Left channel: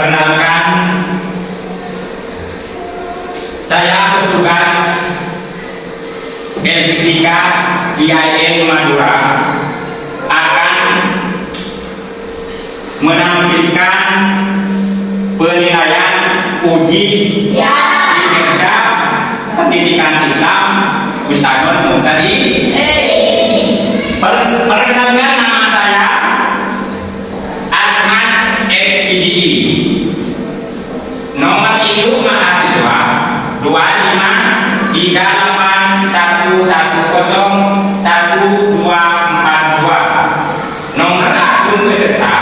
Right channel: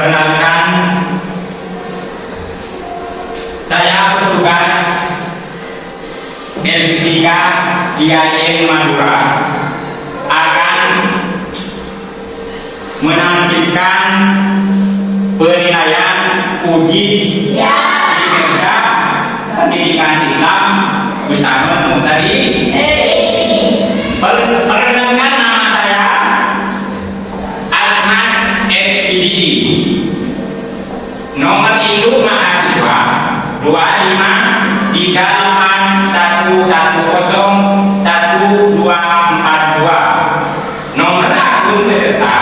Perkenalkan, saya petugas LPK IAIN Madura akan menampilkan penilaian uji kinerja pendidikan Islam Ustadz Muhtadi. Perkenalkan, nama saya Asman SPDI, nomor induk mahasiswa 2538110142, nomor akun peserta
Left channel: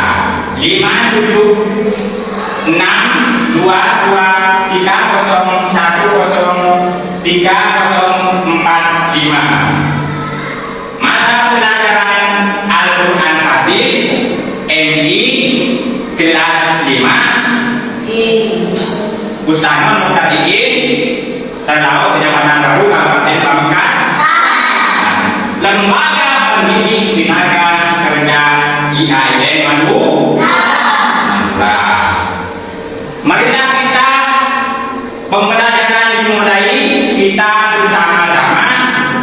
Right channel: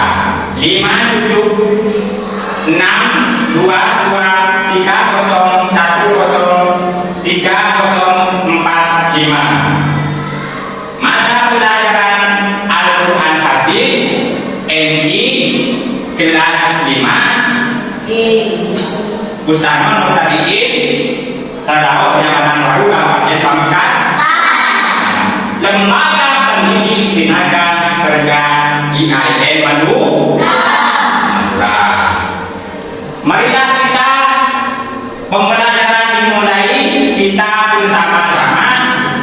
57623030345. Mata pelajaran Al-Quran Hadis MI kelas 5 Ustadz Muhtadiin Sardau Penyambatan Baru Kabupaten Pamekasan, Lembaga Pendidik Tenaga Kerja IAIN Madura. Marilah kita pembelajaran dimulai, kita bersama-sama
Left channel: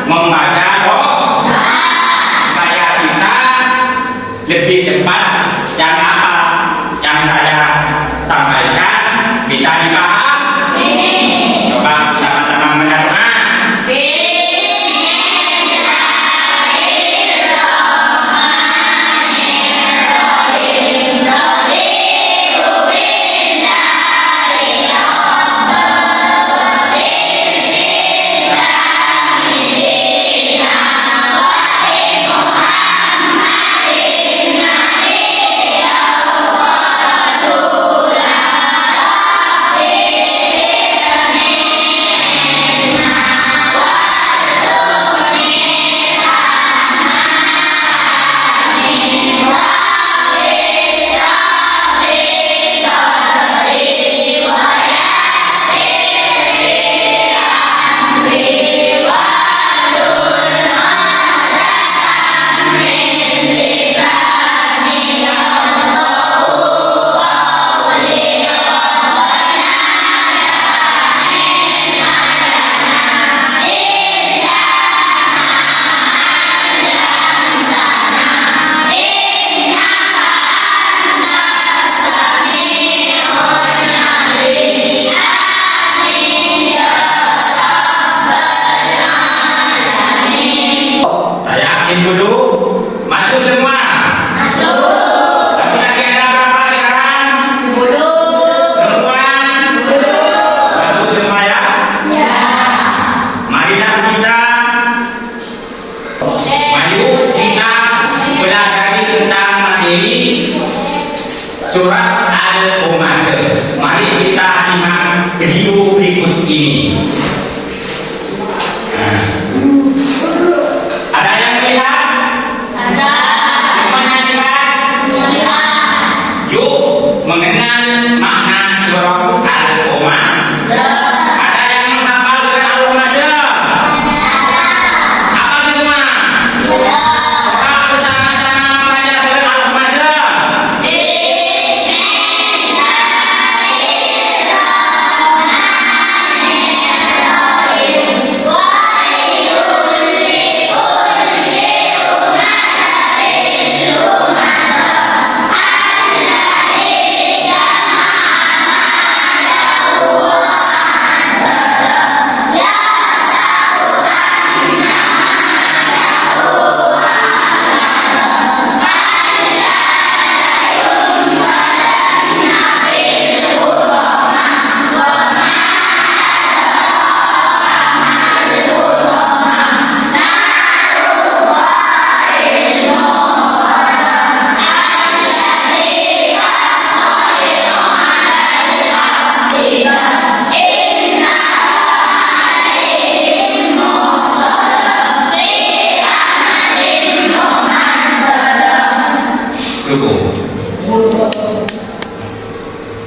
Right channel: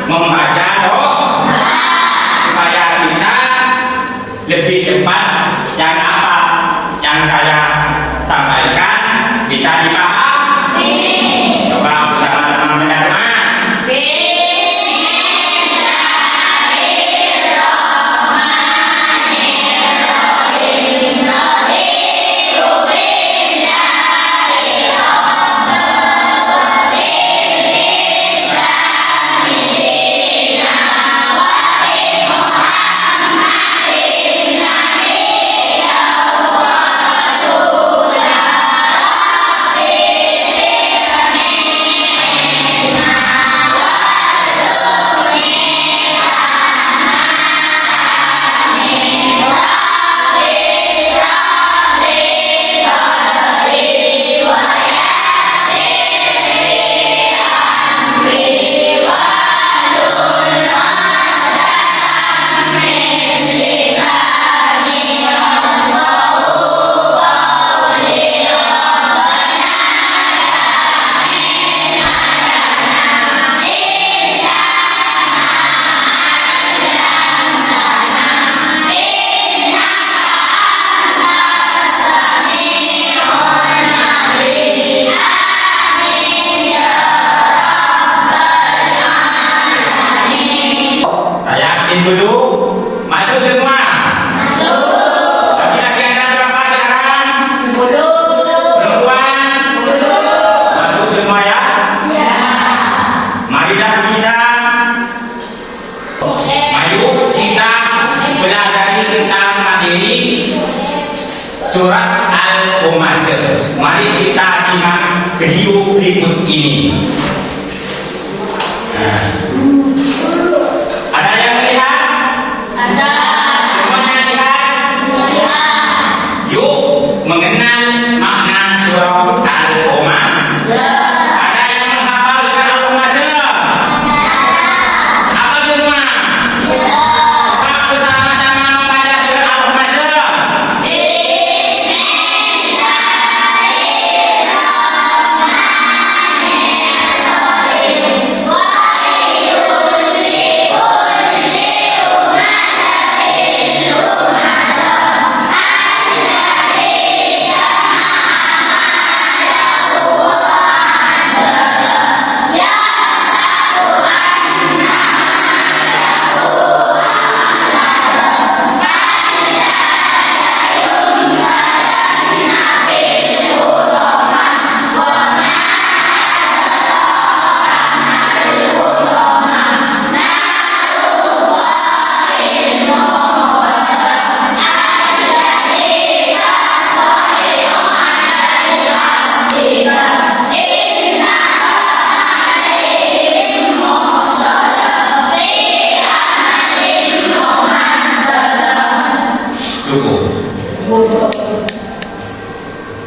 membaca doa supaya kita lebih cepat yang apa yang saya sampaikan bisa dipahami. Coba sama-sama mendoa. Dulu masuk semua. Laki-laki ada berapa sekarang? 10. Perempuan? 10. Masuk semua ya? Ya. Marilah kita pelajari tentang materi surat Al-Humazzah. Mari kita simak video berikut ini. Mengenal makna surah Al-Humazzah. Ada yang menghafal surah Al-Humazzah? Hafal semua? Coba bersama-sama membaca surah Al-Humazzah.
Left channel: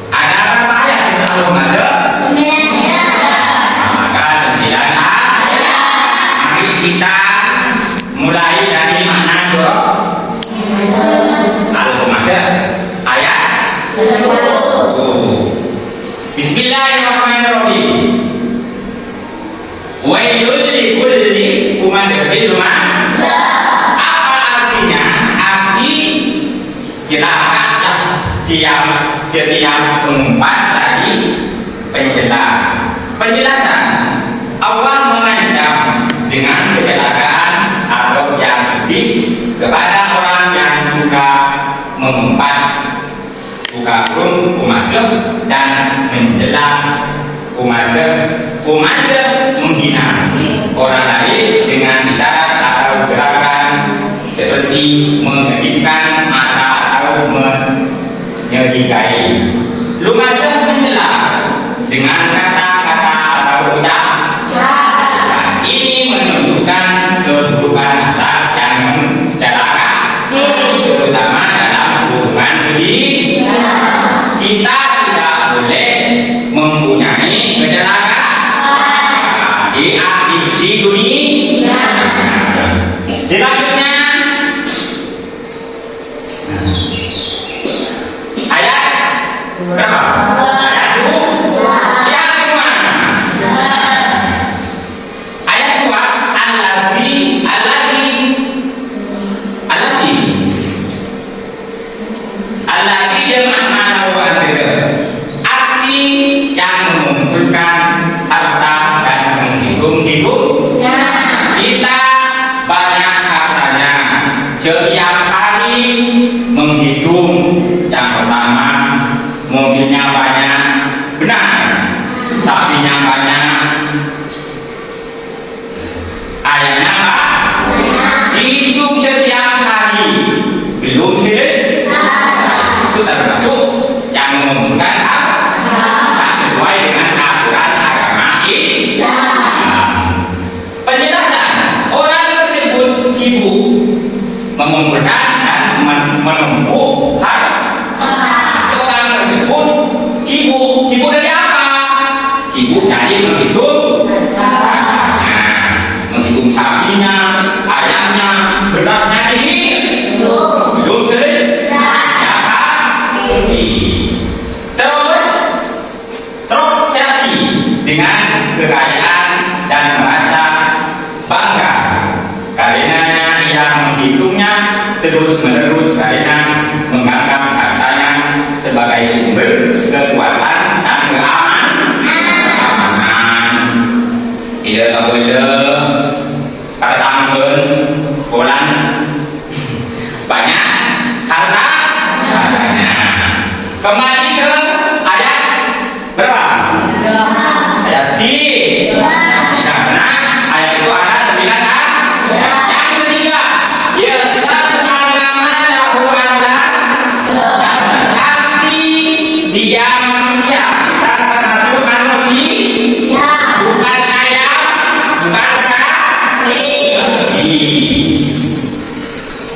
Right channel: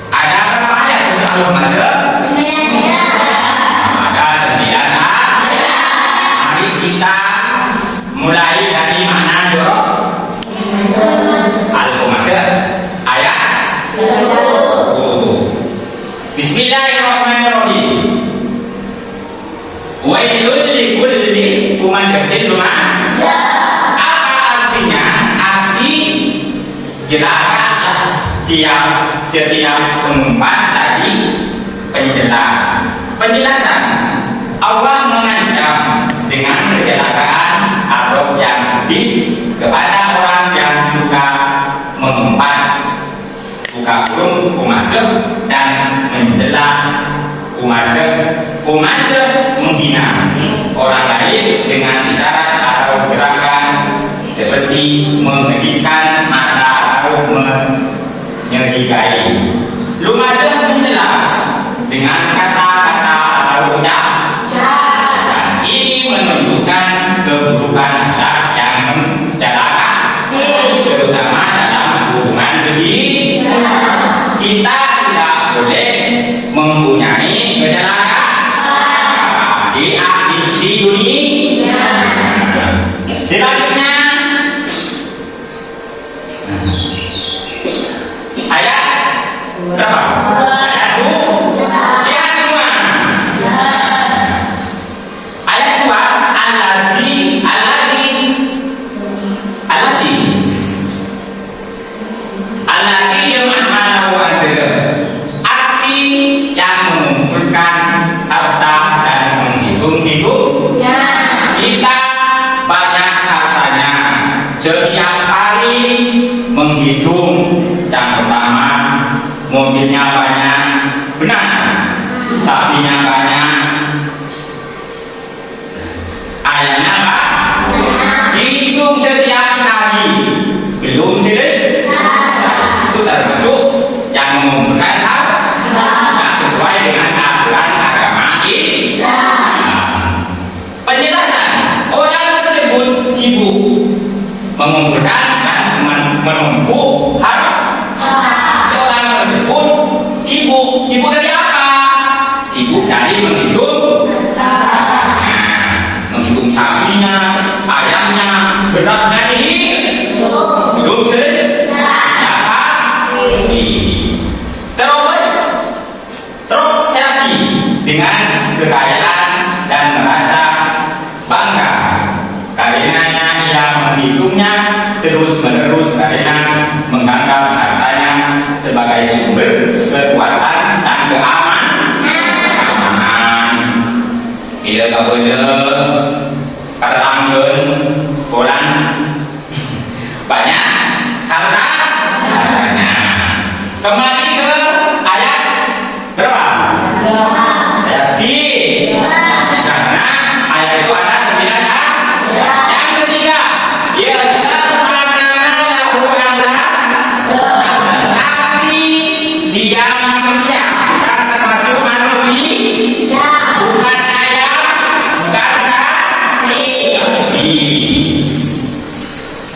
Ada berapa ayat surah Al-Humazzah? 9. Ada 9 ayat. Mari kita mulai dari mana surah Al-Humazzah? Ayat 1. Bismillahirrahmanirrahim. Wailul likulli humazatin lumaza. Apa artinya? Arti celaka setiap pengumpat lagi penjelasan. Allah mengancam dengan kecelakaan atau yang kepada orang yang suka mengumpat, buka burung umasuk dan mencela umasuk menghina orang lain dengan isyarat atau gerakan seperti mengedipkan mata atau menyerigai. Lumasuk mencela dengan kata-kata atau ucap. Dan ini menunjukkan keburukan akhlak yang mencelaka, terutama dalam hubungan suci. Kita tidak boleh mempunyai kecelakaan di dunia. Selanjutnya ayat berapa? Ayat 2. Ya semua. Ayat 2, Allati jemaah mana uang arti yang mengumpulkan harta dan menghitung-hitung. Kita banyak hartanya, setiap hari menghitung. Yang pertama, mobilnya banyak, benar, sapinya banyak, ayamnya apa? Dihitung setiap hari, belum selesai. Itu termasuk yang mengumpulkan harta sesuai dengan aturan agama Islam. Penjelasan, orang tersebut sibuk mengumpulkan dan menumpuk harta. Orang tersebut sibuk dari apa? Sibuk dari menghitung, menghitung sapinya, ayamnya, berasnya dihitung, belum selesai. Terobsesi dengan kekayaan dan merasa bangga karenanya ia menghitungnya terus-menerus karena menganggap hartanya sebagai sumber kekuatan dan keamanan. Ia tak boleh katakan bulan banyak hartanya. Kembali ke ayat berapa? Ayat 3. Karena ayat itu ada 9 kan? Yang ketiga, ya tapi dia manusia dan termasuk manusia, bukan ayam, bukan sapi.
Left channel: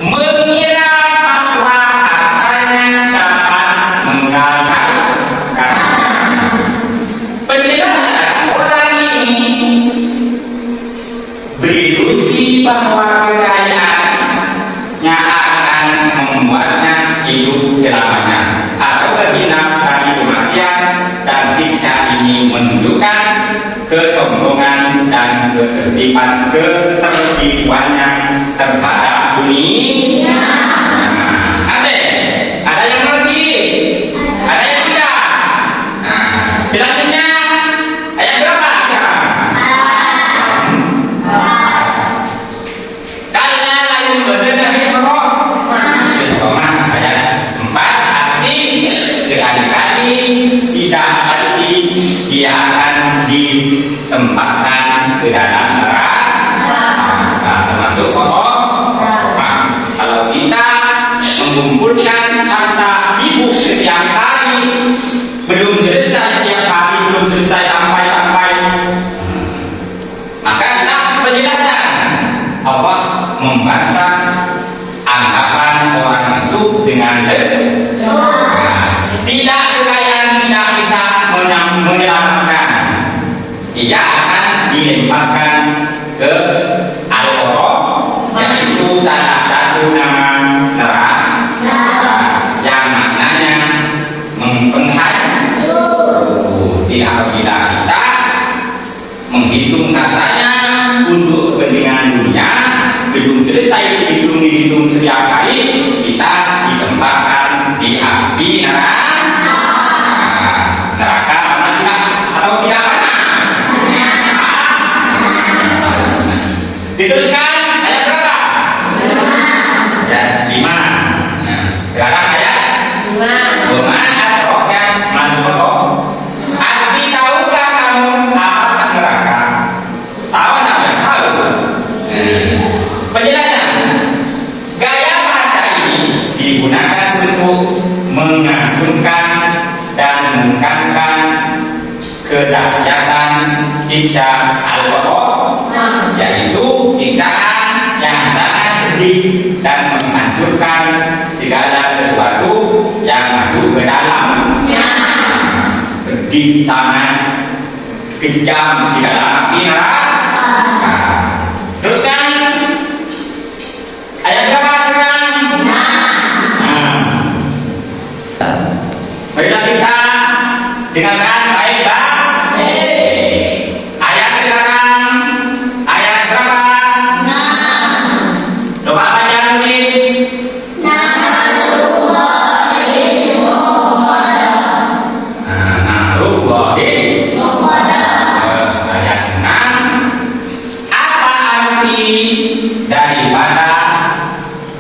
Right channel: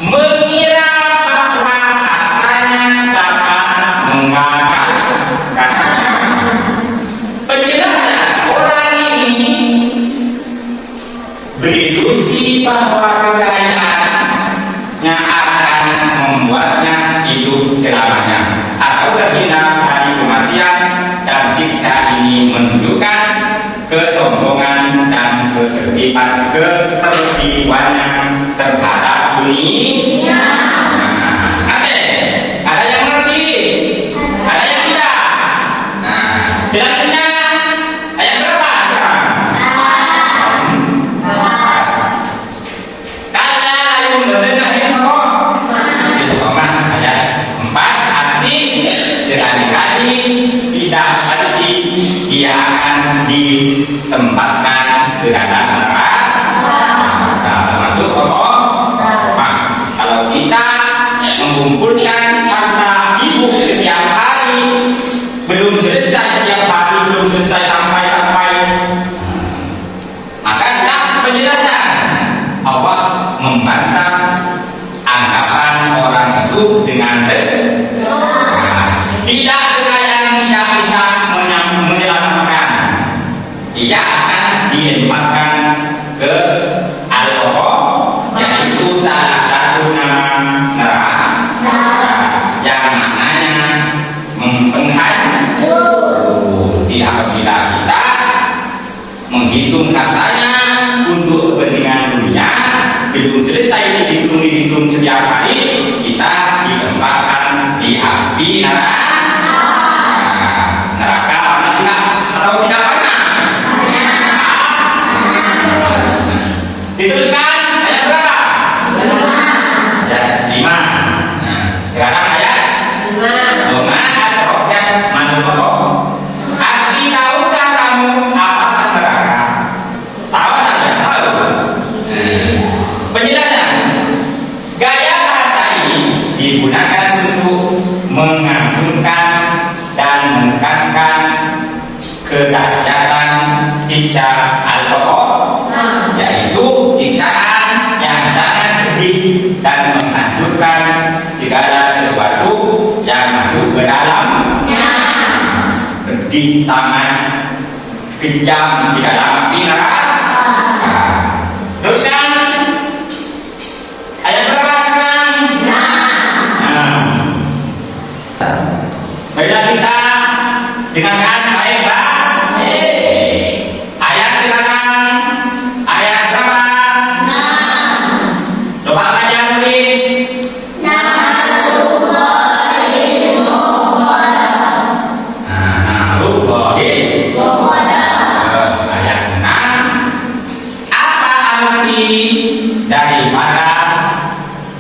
Mengira bahwa hartanya dapat menggagalkan. Penjelasan orang ini berilusi bahwa kekayaannya akan membuatnya hidup selamanya atau terhindar dari kematian, dan siksa ini menunjukkan kesombongan dan ketertibannya terhadap dunia. Ada yang mengerti, ada yang tidak. Selanjutnya ayat berapa sekarang? Kalla ayat ayat 4, arti sekali-kali tidak pasti dia akan ditempatkan ke dalam neraka. Termasuk kalau kita mengumpulkan harta sibuk setiap hari, belum selesai setiap hari, belum selesai sampai maka dalam penjelasan Allah membantah anggapan orang itu dengan tidak ada yang tidak bisa menyelamatkan. Ia akan dilemparkan ke Al-Qur'an, yaitu salah satu nama neraka yang maknanya menghancur. menghitung katanya untuk kepentingan dunia, belum selesai dihitung setiap hari, kita ditempatkan di api neraka. Neraka panas tidak atau tidak panas? Diteruskan ayat berapa? Ayat 5. Nah, sekarang ayat 5. Arti tahukah kamu apa neraka? Tahu tidak? Tahu. Penjelasan. Gaya bahasa ini digunakan untuk mengagungkan dan menekankan kedahsyatan siksa al-qadar, yaitu siksaan yang sangat pedih dan menghancurkan segala sesuatu yang masuk ke dalamnya. Pedih sangat kejam di dalam api neraka. Teruskan ayat berapa sekarang? Marilah kita dengarkan baik-baik. Ayat sekarang ayat berapa? Coba baca lagi. Ayat 6. Apa arti daripada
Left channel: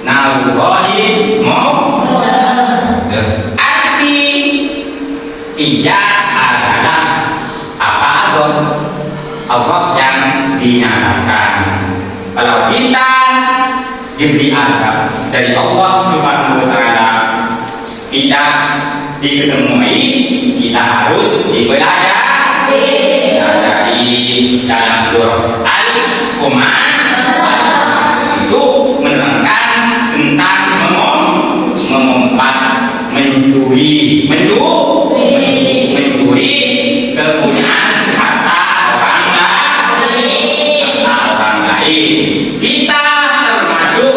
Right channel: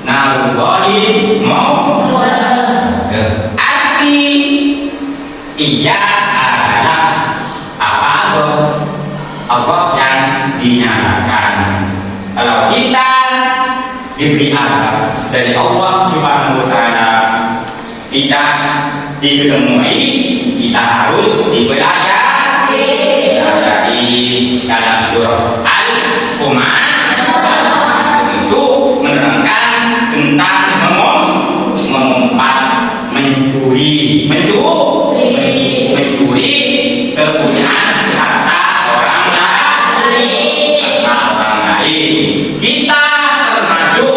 narullahi arti ia adalah apa Allah yang dinyatakan. Kalau kita diberi azab dari Allah Subhanahu wa taala, kita diketemui, kita harus dipelajari dari dalam surah Al-Qamar itu menerangkan tentang mengumpat, mencuri kepunyaan harta orang lain. Kita termasuk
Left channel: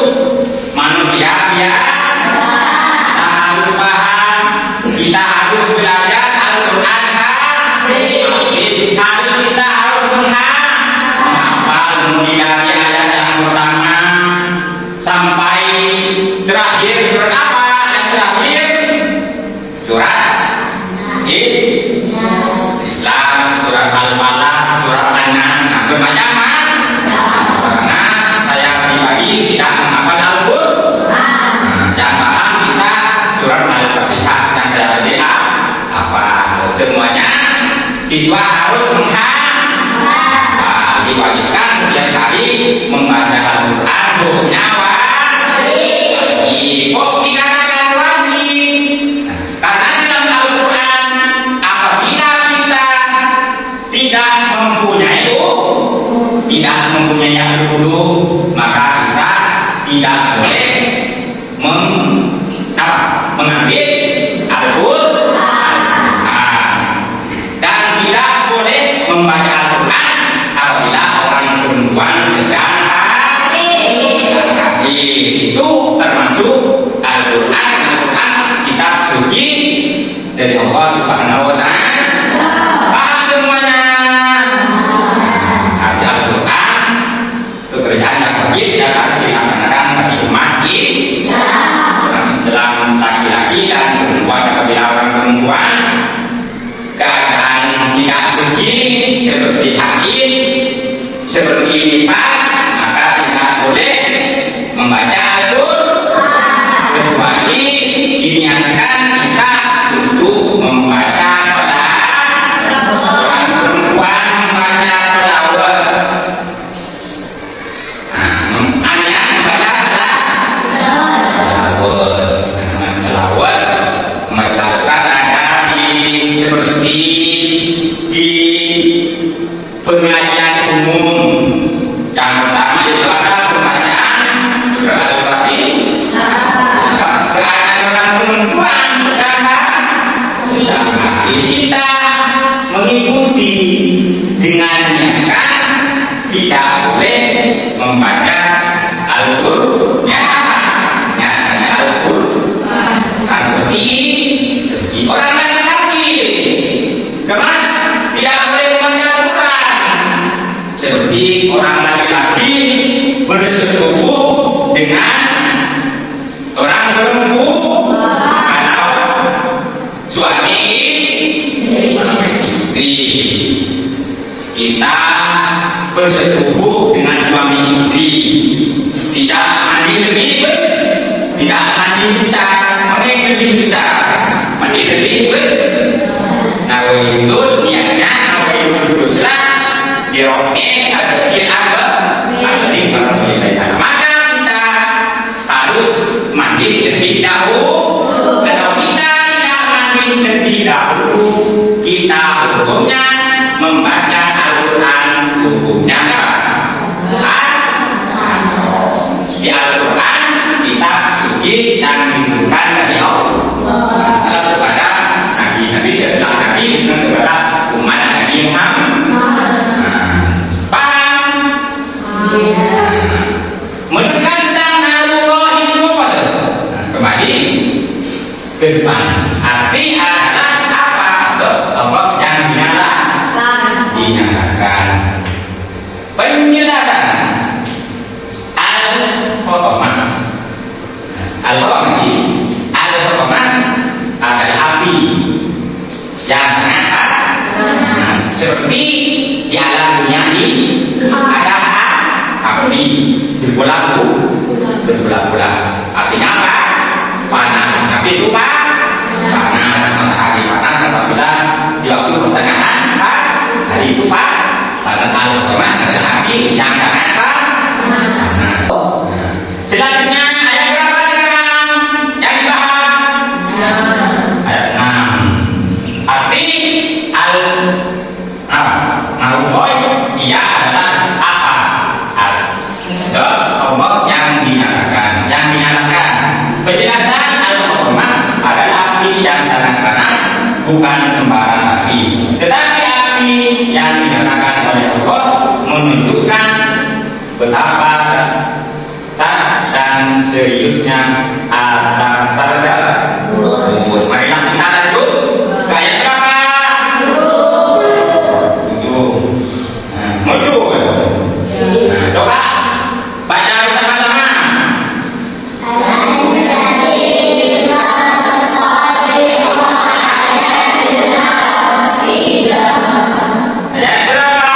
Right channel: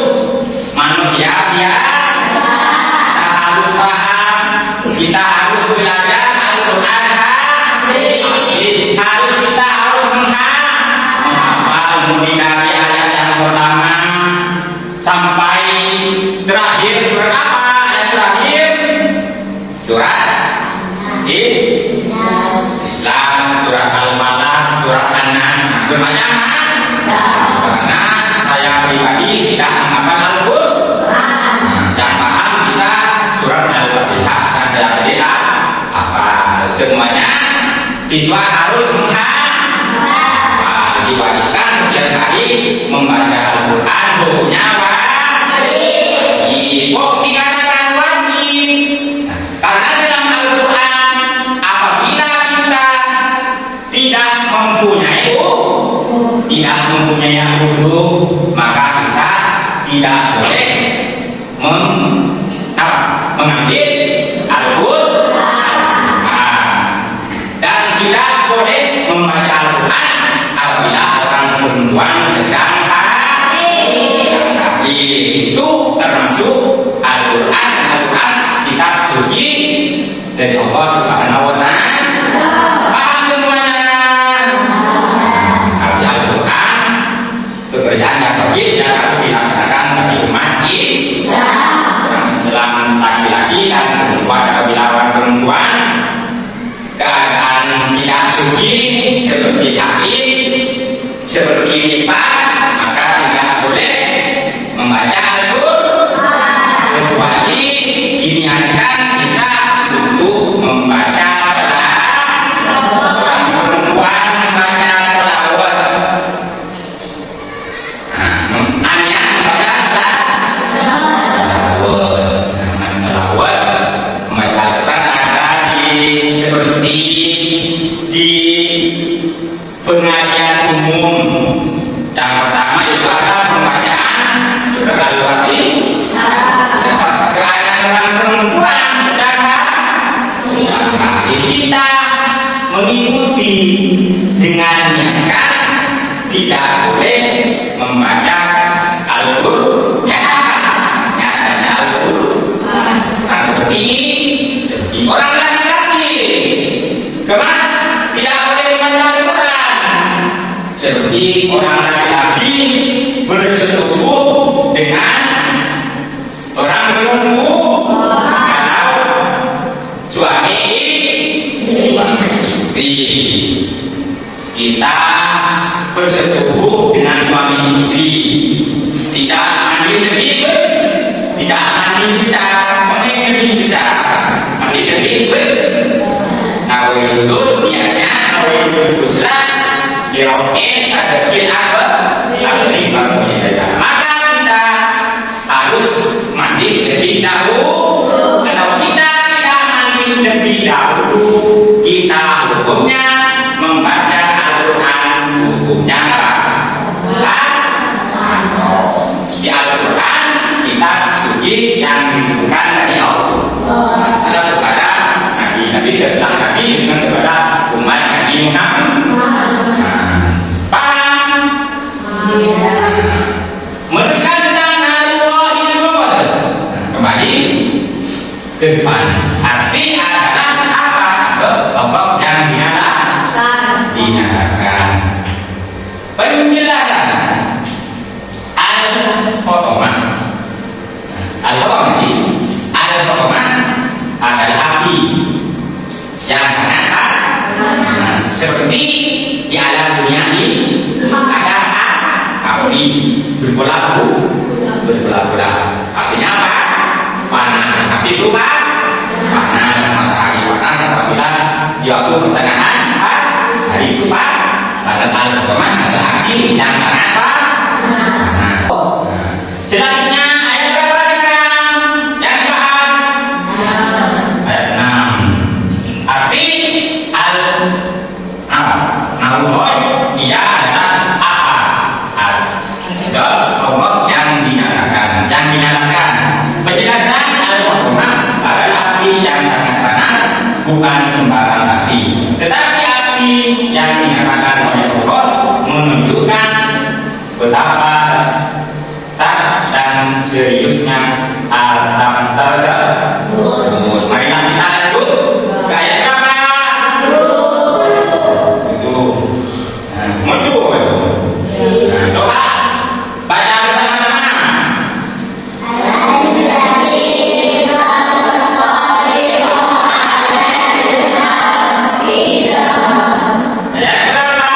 manusia biasa. Kita harus paham, kita harus belajar Al-Quran harus menghafal mulai dari ayat yang pertama sampai terakhir. Surat apa yang terakhir? Surat Islam, surat Al-Falaq, surat An-Nas. Kebanyakan karena saya pribadi tidak menghafal Al-Quran dan paham kita surat Al-Fatihah dan saya tidak apa semuanya. Siswa harus menghafal, diwajibkan setiap hari membaca Al-Quran, hukumnya wajib. Dikatakan wajib karena dalam Al-Quran apabila kita tidak mempunyai wudhu, maka kita tidak boleh mengambil Al-Quran dan tidak boleh membaca Al-Quran apabila orang perempuan sedang haid. Itu termasuk Al-Quran kitab suci dari Allah Subhanahu wa taala. Paham semuanya? Al-Quran pekerjaan yang wajib dan harus dilaksanakan bagi umat Islam laki-laki dan perempuan. Apabila orang perempuan keadaan tidak suci seperti haid, seperti nifas, maka tidak boleh membaca Al-Quran kecuali diniatkan kita untuk membaca orang perempuan membaca selawat. Hanya membaca selawat. Membaca Al-Quran ada seperti di pengajian umum. Yang pertama itu ada pembacaan surat Al-Fatihah. Keadaan orang perempuan menunggu kalau suami istri. Kita bersetubuh dengan suami istri, tidak mandi lebih tidak mandi besar, mandi lebih besar, mandi lebih besar. Nah itu niatnya, nah itu buslah dirokin ada siapa, ada maka kita harus mandi lebih dahulu. Kalau kita tidak mandi lebih dahulu, kita hukumnya membaca Al-Quran, hukumnya apa? Di Al-Quran kita suci dan dimudahkan dari Allah. Kalau kepada Nabi setelah Nabi dengan kepada umat Nabi Muhammad. Paham? Mensantan Allahi Muhammad. Kembali ke depan. Arti adalah apa? Pokok yang dinyalakan. Penjelasan Al-Khotomah. Al-Khotomah adalah api yang sangat panas. Seperti di alam dunia ini ada api berbulan-bulan. Artinya apa? Panas. Tapi itu panas. Matahari panas apabila di waktu pertengahan hari itu pada Al-Khotomah adalah api yang sangat panas. Selanjutnya ayat berapa sekarang yang dibahas? Ayat 6. Arti al-Khoy ia adalah apa? Al-Khotomah yang dinyalakan. Penjelasan Al-Khotomah adalah api yang sangat panas, bukan sembarang api, tetapi api yang dinyalakan oleh Allah menunjukkan betapa sangat dan seriusnya adab tersebut. Marilah kita lanjut ke ayat berapa? Mundur. Doa baca bersama-sama. Ayat berapa?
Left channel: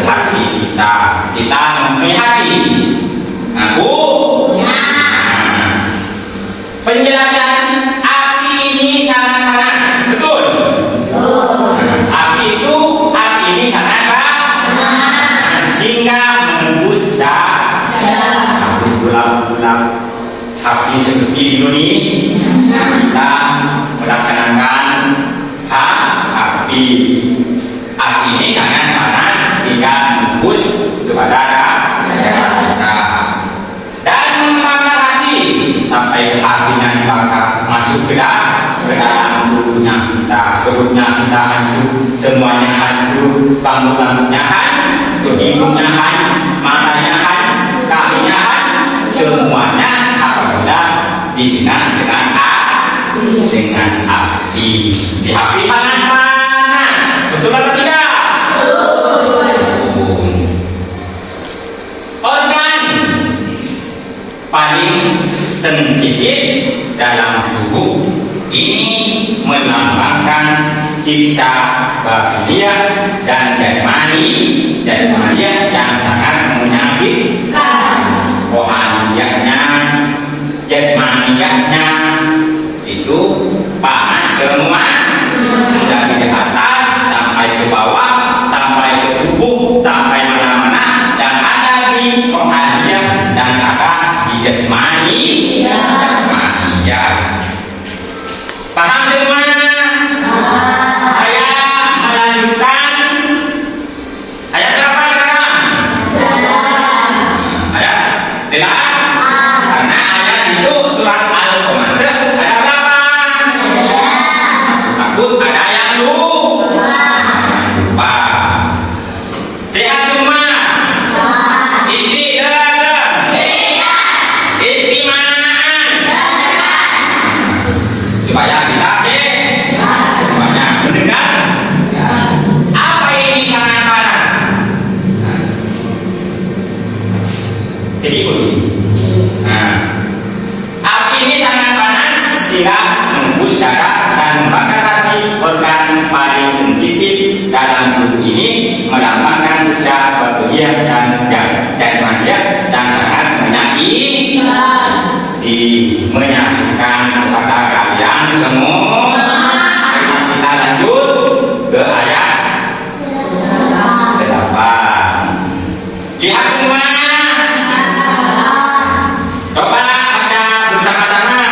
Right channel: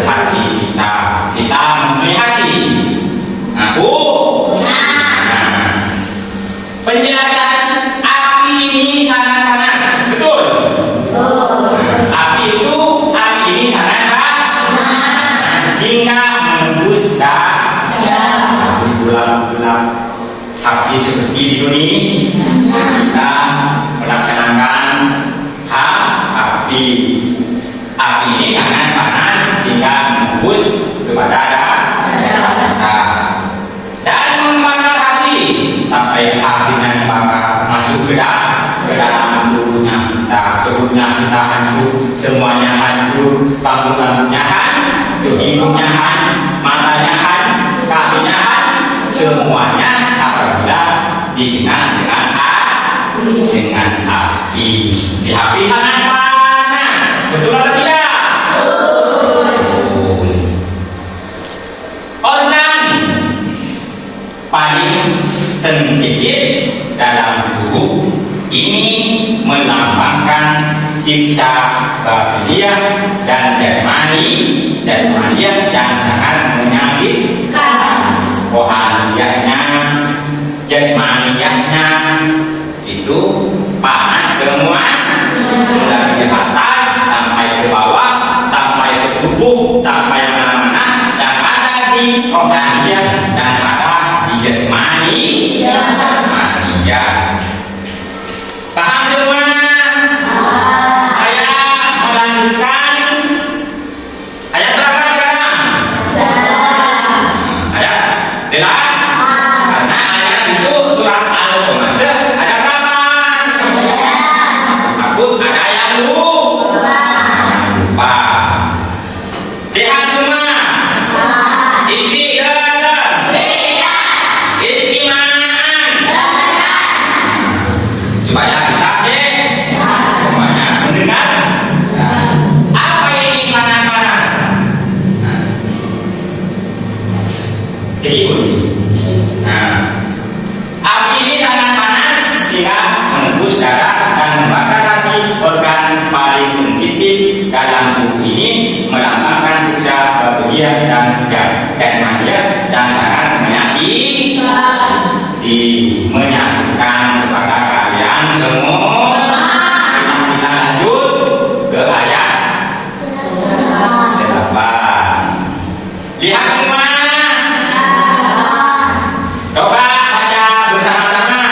Hati kita mempunyai hati. Penjelasan api ini sangat panas, betul? Api ini sangat panas hingga menembus bulan-bulan. Api seperti di dunia kita melaksanakan api ini sangat panas hingga menembus kepada dan membakar hati sampai hatinya dibakar masuk ke dalam tubuhnya kita hancur, semuanya hancur, rambut-rambutnya hancur, hidungnya hancur, matanya hancur, kakinya hancur, semuanya apabila dikenal dengan api. Di api sangat panas, betul atau tidak? Organ paling sensitif dalam tubuh ini melambangkan siksa batiniyah dan jasmaniyah yang sangat menyakitkan. Rohaniyahnya, jasmaniyahnya itu panas semua, dari atas sampai ke bawah, sampai ke tubuh, sampai mana-mana, dan ada di rohaniyah dan ada di jasmaniyah. Paham semua? Saya melanjutkan ayat berapa sekarang? Ayat Jelas? Karena ayat itu surat Al-Qamar ada berapa? Takut ada yang lupa. Sehat semua? Istri supaya kita semuanya mendengar. Apa ini sangat panas? Sedih. Api ini sangat panas, dia menembus darah dan membakar hati organ paling sensitif dalam tubuh ini, melambangkan sukses bahagia dan magia dan sangat menyakitkan kepada kalian semua. Kita lanjut ke ayat 8. Lihat semua. Coba baca bersama-sama.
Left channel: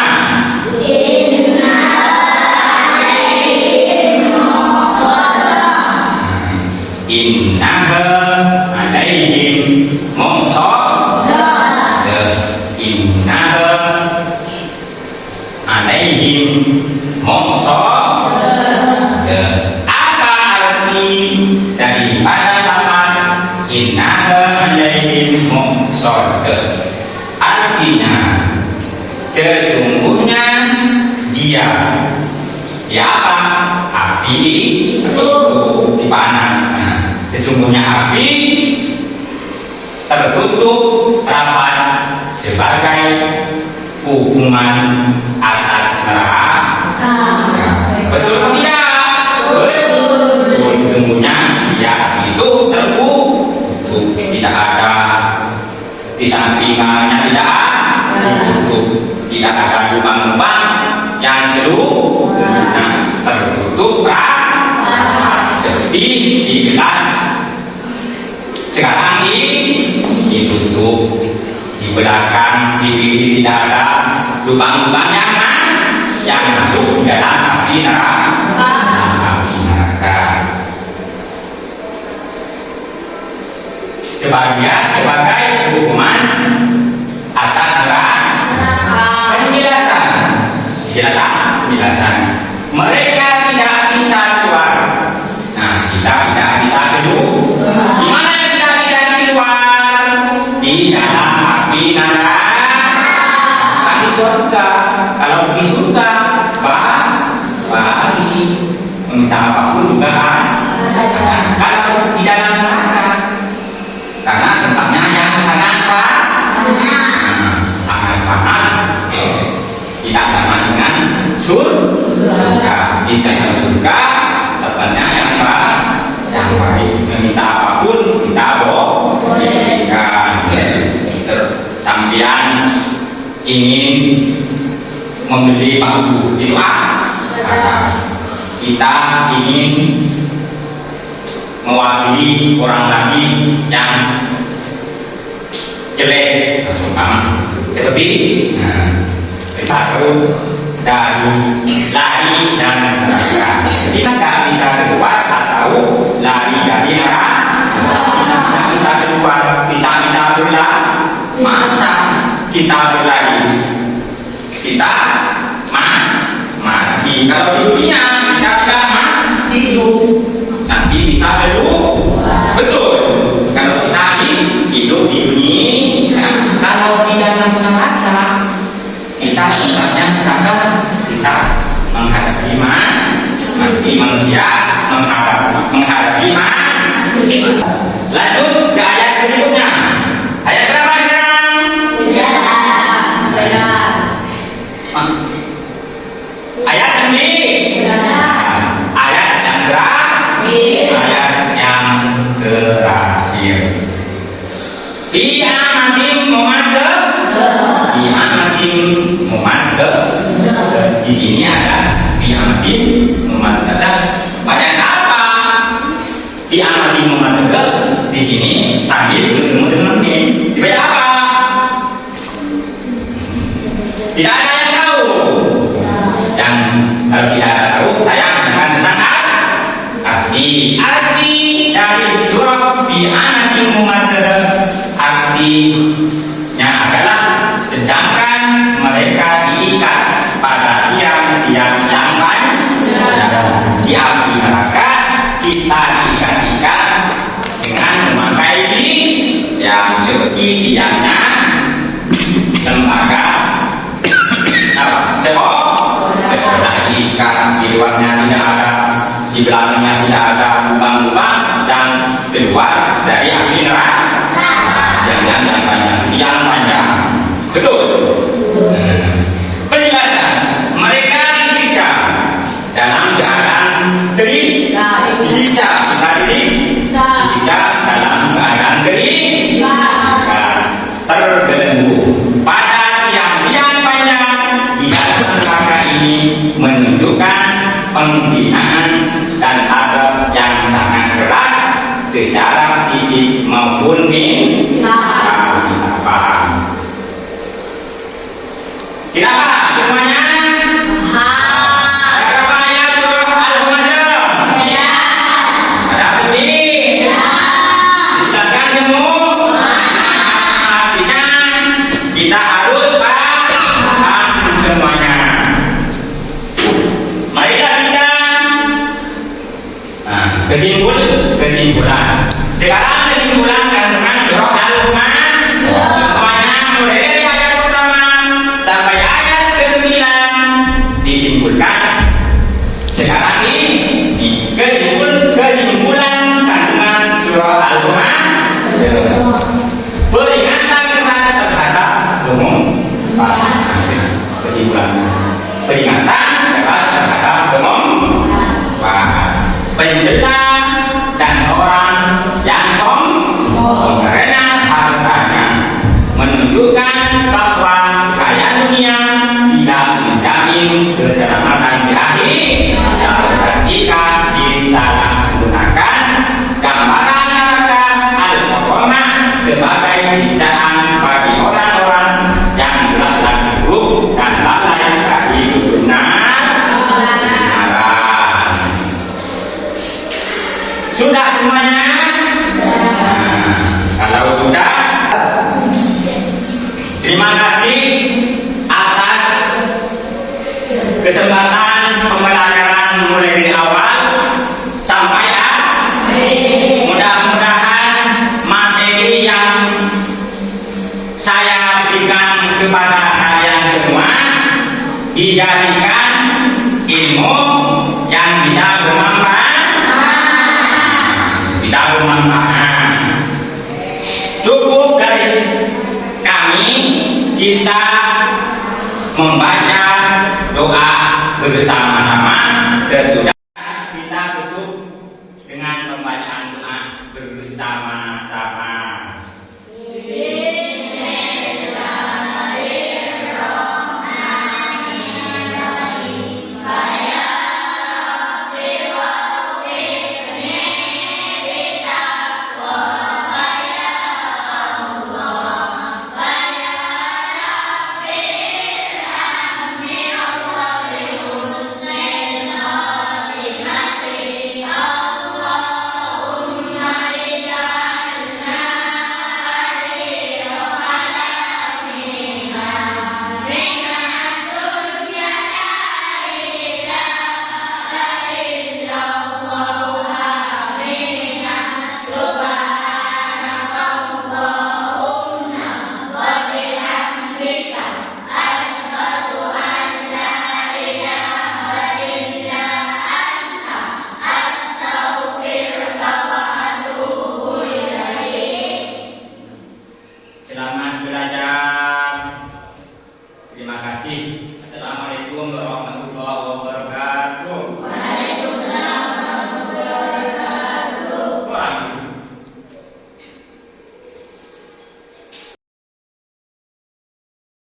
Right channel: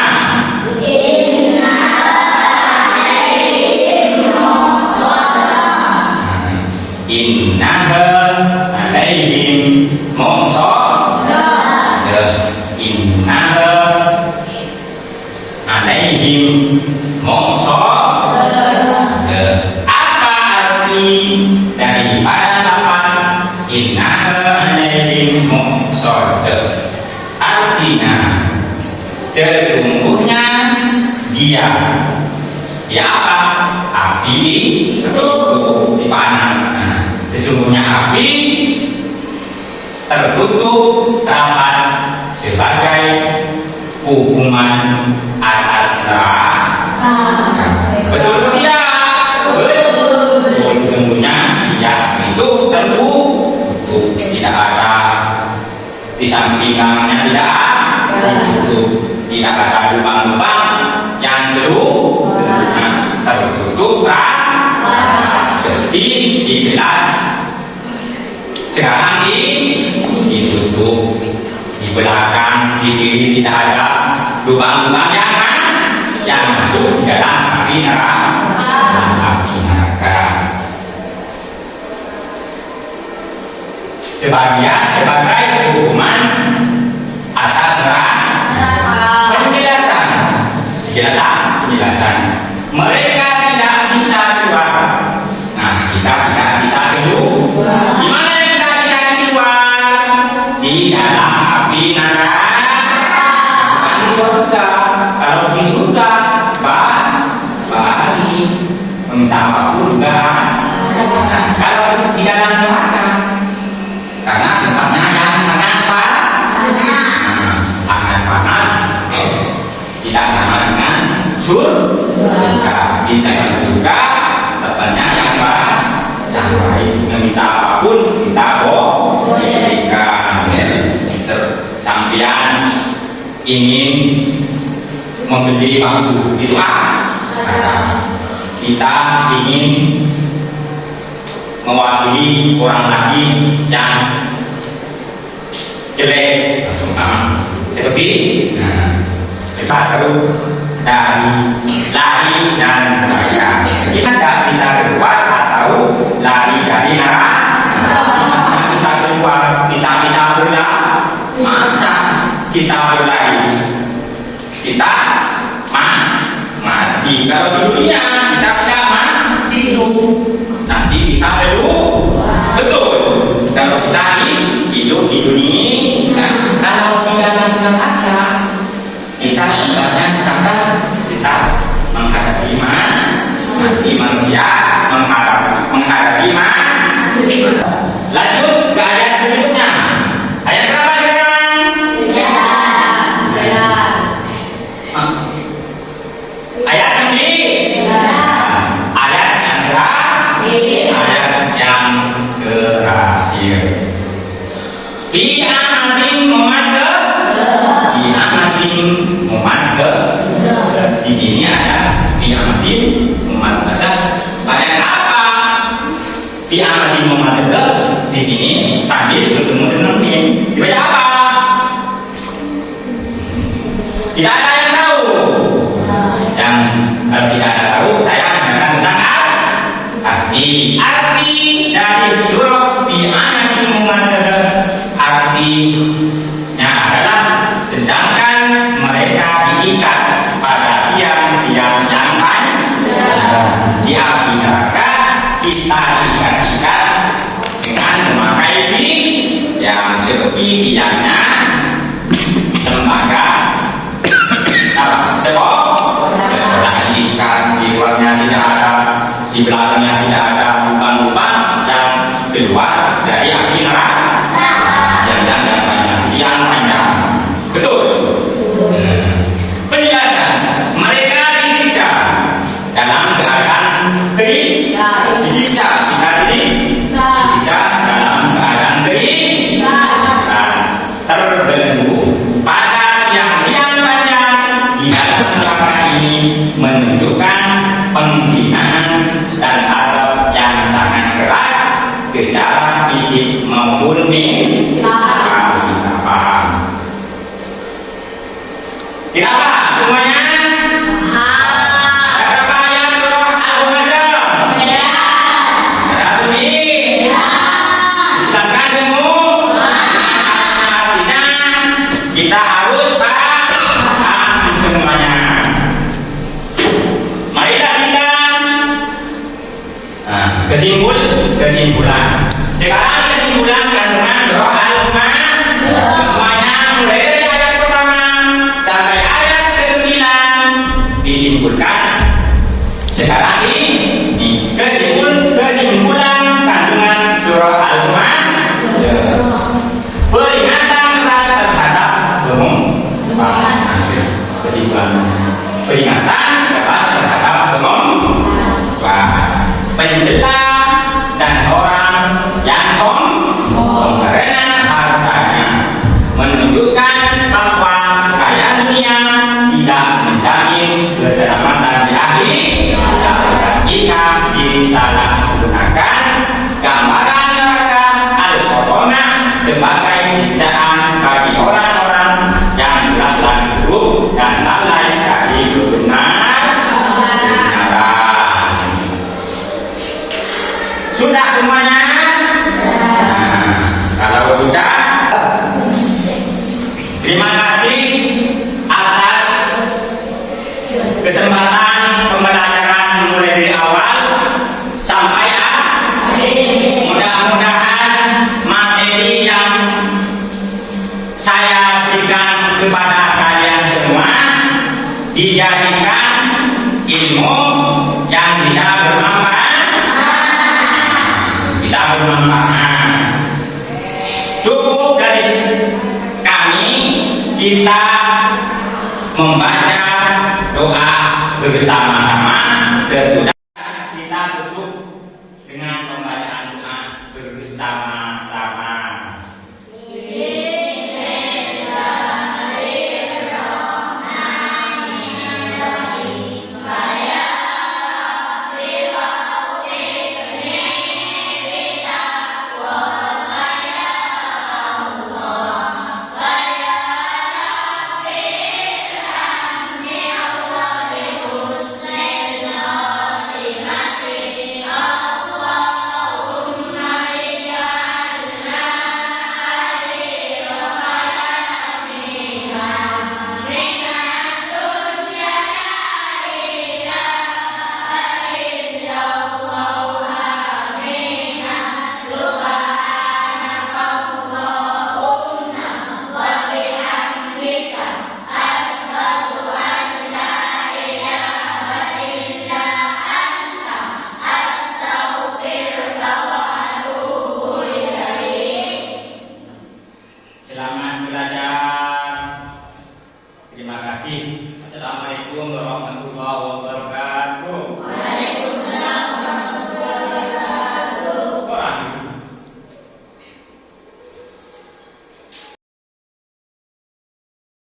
Innaha alaihim muqsadah. Innaha alaihim muqsadah. Apa arti daripada lafaz innaha alaihim muqsadah? Artinya sesungguhnya dia apa? Api itu dipanas. Sesungguhnya api tertutup rapat sebagai hukuman atas neraka. Betul atau tidak? Betul. Sesungguhnya dia itu tertutup, tidak ada di sampingnya, tidak ada tertutup, tidak ada lubang-lubang yang tertutup rapat. Jadi dijelas sekarang ini ditutup, di belakang, di kiri tidak ada lubang-lubang yang masuk di dalam api neraka. Sebagai hukuman atas neraka. Penjelasan. Mereka tidak bisa keluar. Nah, kita tidak bisa keluar. Di mana kita bisa keluar? Di dalam api neraka. Di surga. Kalau di surga, balik meminta apapun juga. Nah, kalau di dalam neraka, karena tempatnya yang sangat panas, tidak sama dengan surga. Di dalam surga tempatnya yang baik, meminta apapun kita boleh. Sampian ingin membeli baju itu kita ingin mewakili orang lagi yang jelek, umpama seperti baru dari lari dan neraka. Kita tidak bisa keluar atau lari dari neraka. Tidak bisa keluar, bisa berlari. Masa kita berlari? Kita mati. Kalau di dunia kita tidak mati, nanti bisa keluar. Betul. Kalau kita hidup di dunia, kalau di dalam neraka kita sebenarnya kita menghadapi mati manusia, menghadapi mati. Lanjut ke ayat berikutnya. Ayat berapa sekarang? Ayat 9. Ayat yang terakhir. Ayat yang terakhir. Fi amatin mumaddah. Di sini ada fi amatin mumaddah. Banyak apa? Fi amatin mumaddah. Di sini tampil bertemu dengan min. Dibaca apa? Tidak ada yang tahu. Yang kalau tidak ada tahu, saya mendengar tentang arti dari surah fi amatin mumaddah. Artinya ada kita diikat dengan memakai ini yang seperti tiangnya lembaga sekolah ikat, di luarnya tidak ada, di belakangnya tidak ada lubang-lubang, dan keluar dari api neraka yang panjang, tiang panjang. Betul. Penjelasan, mereka disiksa dalam keadaan kering, disiksa dalam keadaan kering, terbelenggu pada tiang-tiang panjang di dalam neraka ini, menunjukkan penghinaan dan adab yang sangat keras secara fisik maupun mental. Paham? Tidak paham semuanya? Ada berapa ayat surah Al-Humazah? Ada sunyi? Dijelaskan semua? Artinya kita harus paham semuanya. Marilah kita kesimpulan. Sekarang kesimpulan kandungan surah Al-Humazah. Semuanya mulai dari ayat pertama sampai ayat ke-9 disimpulkan. Sekarang ini kesimpulan kandungan surah Al-Humazah. Peringatan keras terhadap kesimpulan. Peringatan keras terhadap pencela dan orang yang sombong karena hartanya, menunjukkan bahwa kaya dunia tidak menjamin keselamatan di akhir, dan jika disalahgunakan gambaran neraka al-Qur'anah sebagai siksaan bagi orang-orang yang berlaku buruk dan lalai dari kebenaran. Sudah semuanya? Kalau sudah, terima kasih atas kesempatan pembelajaran mulai dari awal sampai akhir. Mudah-mudahan materi yang saya berikan kepada kalian semua dijadikan ilmu yang bisa bermanfaat. Cukup dari kami kita membaca doa bersama-sama. Sesudah kita tutup dengan pembacaan doa bersama-sama. Selamat belajar. Terima kasih. Assalamualaikum warahmatullahi wabarakatuh.